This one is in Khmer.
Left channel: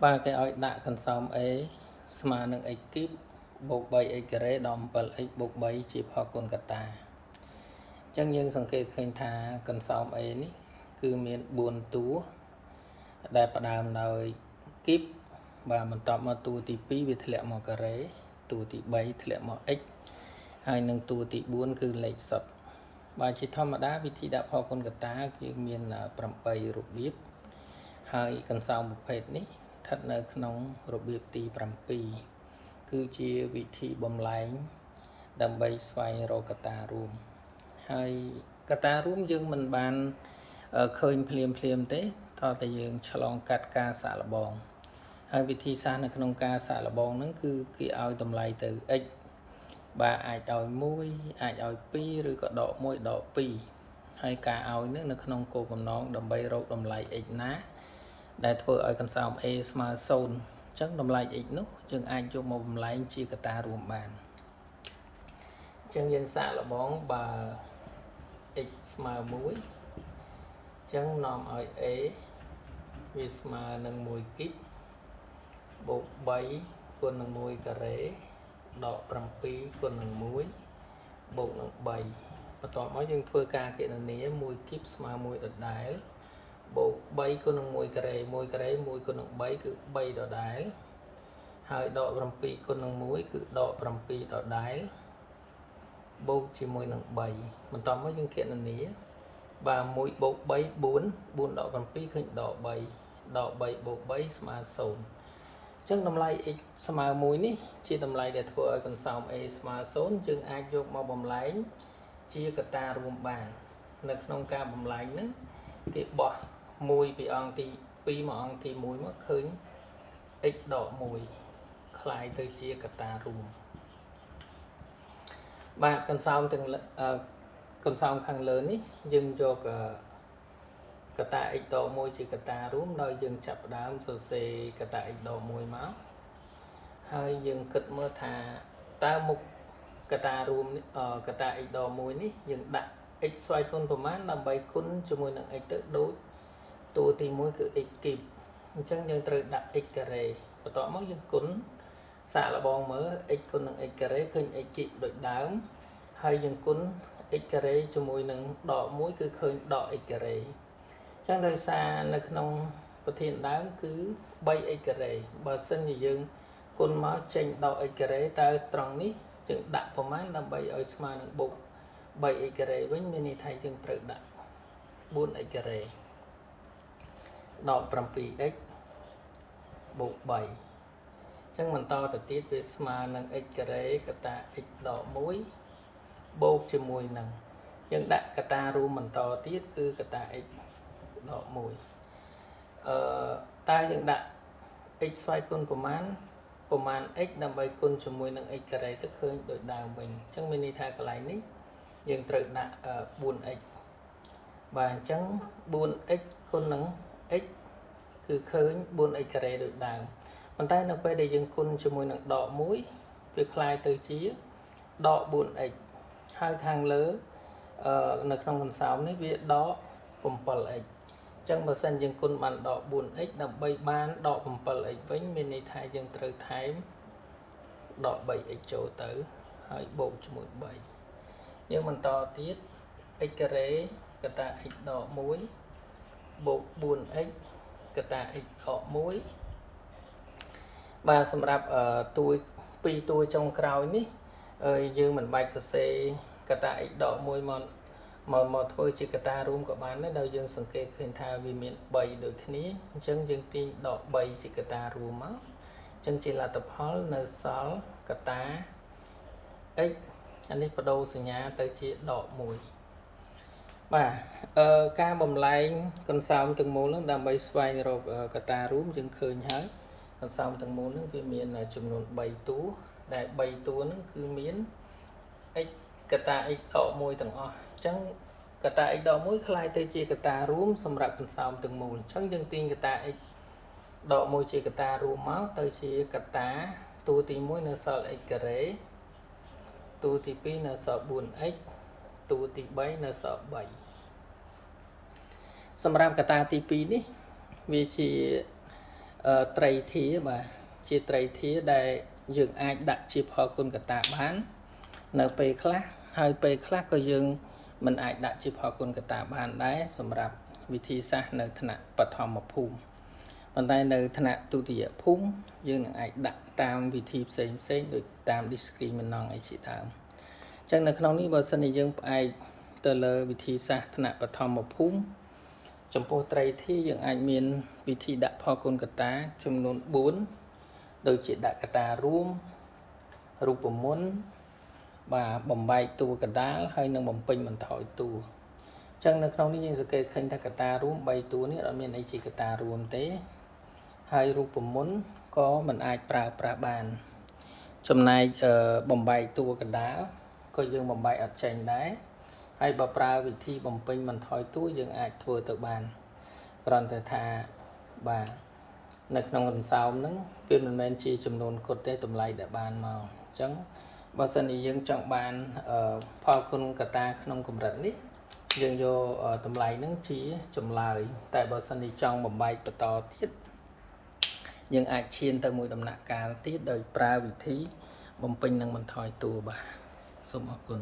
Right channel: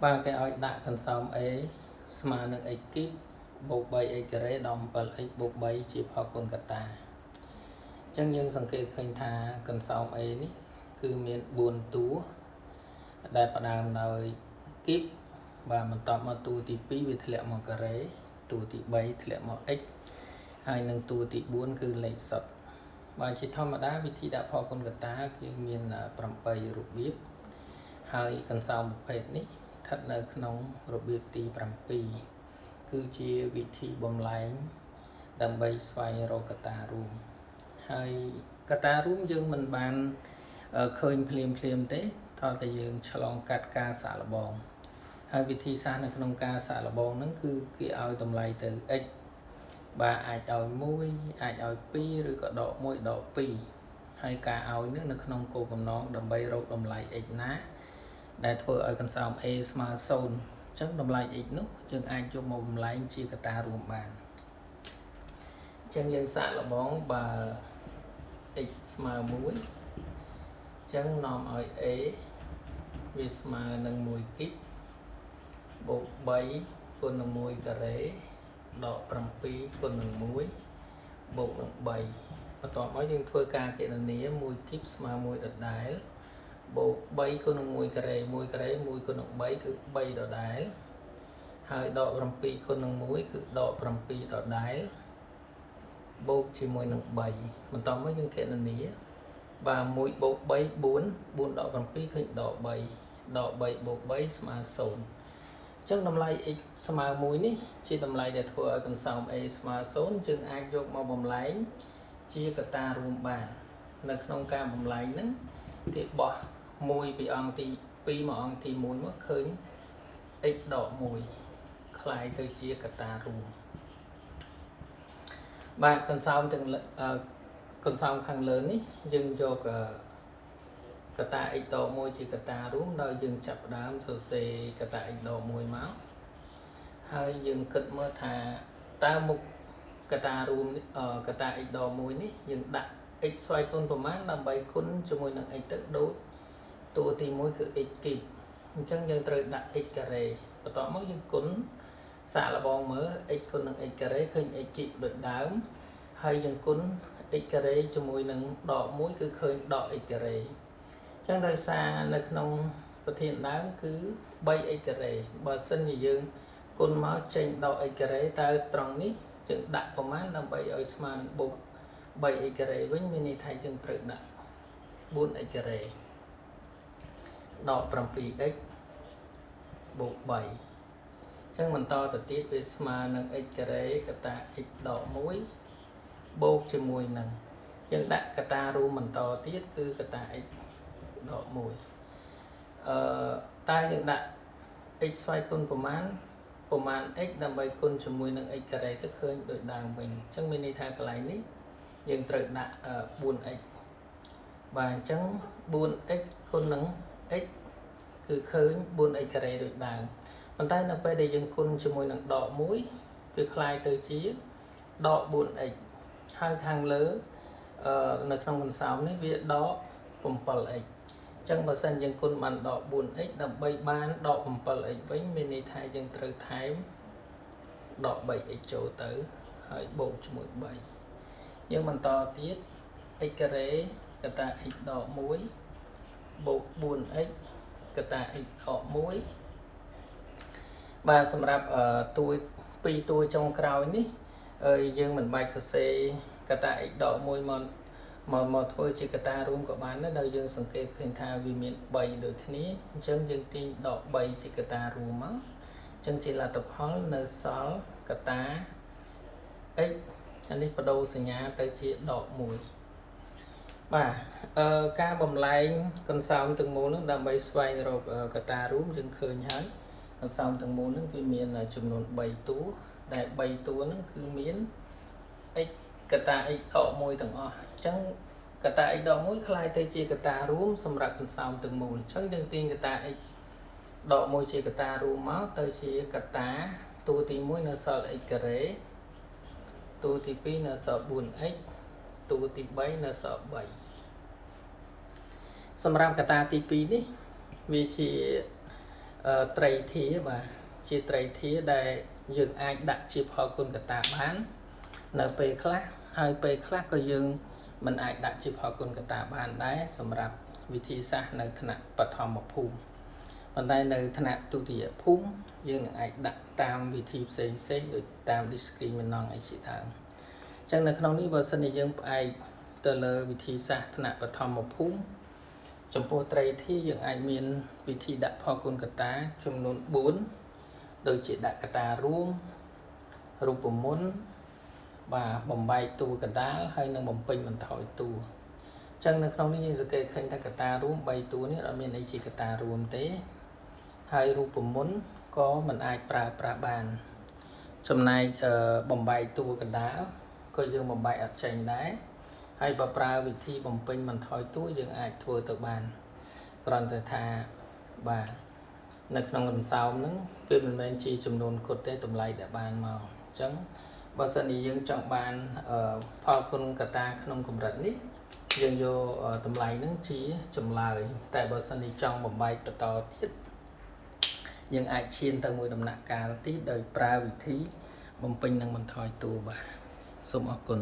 Ba cái oiដាក់កន្សោម A ស្មើនឹង x គីបបូក 3x ការ៉េដល់ 7x បូក 3 ជាផលគុណកតា អញ្ចឹងយើងសង្កេតឃើញថាកន្សោម A នេះគឺមាន4តួដែលផ្ដើមដោយគីបបាទបន្ទាប់មកតួទី2វាធ្លាក់មកការ៉េតួទី3ធ្លាក់មក x ហើយនឹងតួទី4គឺលេខសុទ្ធបើជាធម្មតាវិធីដាក់ផលគុណកតាយើងមាន8របៀបហើយកន្សោមប្រភេទនេះស្ថិតនៅក្នុងរបៀបទី7គឺជាវិធីបំលែងដើម្បីស្វែងរកកតារួមហើយកតារួមយើងមិនបានឃើញភ្លាមទេតើតែយើងឆ្លងកាត់ការសាកល្បងហើយវិធីសាស្ត្រនៅក្នុងការសាកល្បងហ្នឹងគឺគេឲ្យតម្លៃទៅ x បាទអាចឲ្យ1អាចឲ្យ2ឬក៏ដក1ដក2ហើយការឲ្យនេះនៅក្នុងគោលបំណងដើម្បីរកតម្លៃ x ណាដែលធ្វើឲ្យកន្សោម A ស្មើ0អញ្ចឹងតម្លៃ x នោះយើងអាចយកមកបំលែងជាកតារួមបានអញ្ចឹងយើងសាកល្បងបើ x ស្មើ1អញ្ចឹងនាំឲ្យ A វាស្មើនឹង1គីបបូក3គុណនឹង1ការ៉េដក7គុណនឹង1បូកនឹង3បន្ទាប់មកយើងធ្វើការគណនា1គីបស្មើ1ដដែលបូក3គុណនឹង1ការ៉េ1ការ៉េ1គុណនឹង3គឺ3ដដែលហើយដក7គុណនឹង1គឺដក7ដដែលបូកជាមួយនឹង3បន្ទាប់មកយើងគណនាបាទ1បូក3 4 4ដក7ឃើញដក3ដក3បូក3ស្មើ0ចឹងតម្លៃ x ស្មើ1នេះជាតម្លៃដែលធ្វើឲ្យកន្សោម A ស្មើ0យើងអាចយកមកបំលែងជាកតារួមបាននៅក្នុងការបំលែងហ្នឹងគេបោះ1ពីអង្គទី2មកអង្គទី1មកឃើញ x ដក1คล้ายទៅជាកតារួមបាទកន្សោមទាំងកន្សោមខាងលើនេះយើងយកកតា x ដក1ជាកតារួមដោយយើងចាប់ផ្ដើមសរសេរកតា x ដក1មកហើយយើងគិតមើលថាតើមុខកតារួមកតា x ដក1នេះយើងដាក់ x ស្វ័យគុណប្រមាណដើម្បីគុណជាមួយនឹង x ទៅដូចតួទី1គឺ x គីបអញ្ចឹងយើងត្រូវដាក់ x ការ៉េបន្ទាប់មកយើងគុណសាកល្បងមើល x គុណនឹង x ការ៉េឃើញ x គីបដូចដើមហើយយើងគុណ x ការ៉េជាមួយនឹងដក1គឺឃើញដក x ការ៉េចឹងដោយសារនៅក្នុងប្រធានដើមគឺ 3x ការ៉េបើសិនជាយើងគុណមកចេញដក x ការ៉េតើត្រង់នេះយើងដាក់ប្រមាណដើម្បីឲ្យស្មើនឹងបូក 3x ការ៉េវិញមានន័យថាយើងត្រូវដាក់ 4x ការ៉េដក 7x បូក3អញ្ចឹងបន្តទៅទៀតវាស្មើនឹង x ការ៉េកតា x ដក1បូកជាមួយនឹងយើងដាក់កតារួមបន្តទៀតគឺកតា x ដក1តើយើងដាក់ x ស្វ័យគុណប្រមាណ x ដើម្បីគុណជាមួយនឹង x ការ៉េទៅឃើញដូចដើមវិញអញ្ចឹងមានន័យថាកន្លែងនេះយើងត្រូវដាក់ 4x បាទអញ្ចឹង 4x គុណនឹង x គឺឃើញ 4x ការ៉េដូចដើមប៉ុន្តែនៅពេលដែលយើងគុណជាមួយនឹងដក1វាคล้ายទៅជាដក 4x ហើយខាងលើនៅក្នុងកន្សោមនេះវាដក 7x ចឹងបើសិនយើងគុណបានដក 4x ដើម្បីបានដក 7x វិញមានន័យថាយើងត្រូវថែមដក 3x ចូលទៅហើយបូកជាមួយ3យើងបន្តទៀត x ការ៉េកតា x ដក1បូក 4x កតា x ដក1បាទសម្រាប់តួ2តួចុងក្រោយនេះយើងមិនបាច់សរសេរកតា x ដក1មកធ្វើជាកតារួមក៏បានដែរដោយយើងសង្កេតឃើញថាវាមាន3ដូចគ្នាអញ្ចឹងយើងទាញដក3ជាកតារួមមកអញ្ចឹងជាលទ្ធផលនៅសល់កតា x អានេះបដូរសញ្ញាទៅជាដក1បាទការបំលែងកន្សោមទាំងមូលនឹងដើម្បីស្វែងរកកតារួមយើងឃើញហើយកន្សោមទាំងមូលនឹងវាមានចំនួន3តួដែល3តួនឹងគឺមាន x កតា x ដក1ទាំងអស់អញ្ចឹងកតា x ដក1คล้ายទៅជាកតារួមសម្រាប់កន្សោមទាំងមូលអញ្ចឹងយើងទាញកតា x ដក1ជាកតារួមមកទៅជាកតាតួទី1នៅសល់ x ការ៉េតួទី2នៅសល់ 4x តួទី3នៅសល់3សម្រាប់កតាទី2នេះវាជា ត្រីធាបាទជាត្រីធាដែលយើងអាចដាក់ជាផលគុណកតាបាននៅពេលខ្លះហើយពេលខ្លះក៏យើងមិនអាចដាក់ជាផលគុណកតាបានដែរសម្រាប់វិធីសាស្ត្រនៅថ្នាក់បឋមភូមិប៉ុន្តែនៅថ្នាក់ទុតិយភូមិយើងនឹងអាចដាក់តាមវិធីផ្សេងដូចតាម discriminant អីជាដើមអញ្ចឹងនៅក្នុងនេះបើសិនជាយើងផ្អែកទៅលើវិធីសាស្ត្រថ្នាក់បឋមភូមិចំពោះត្រីធាយើងអាចមានវិធីដាក់ផលគុណកតាចំនួន4ដូចជាដាក់កតារួមរូបមន្តបាទបំបែកតួកដាលហើយនឹងបំពេញបន្ថយតួអញ្ចឹងនៅក្នុងនេះយើងសង្កេតឃើញថាកតារួម3តួនេះអត់មានអីជាកតារួមទេហើយរូបមន្តក៏មិនអាចប្រើប្រាស់បានចំណែកបំបែកតួកដាលក៏យើងបំបែកអត់ចេញដែរហើយបើប្រើវិធីបំពេញបន្ថយតួយើងអាចធ្វើទៅបានគ្រាន់តែថាបាទនៅក្នុងលំសោមហ្នឹងវាមិនមែនជាចំនួនគត់ទេតម្លៃដែលបានមកអញ្ចឹងបើសិនជាយើងចង់បានផលគុណកតាក្នុងកម្រិតនេះយើងយកតម្លៃហ្នឹងជាចម្លើយតែបើសិនជាចង់បំបែកបន្តទៀតយើងអាចឈានទៅមួយដំណាក់កាលទៀតដោយប្រើវិធីបំពេញនិងបន្ថយតួបាទសូមអរគុណ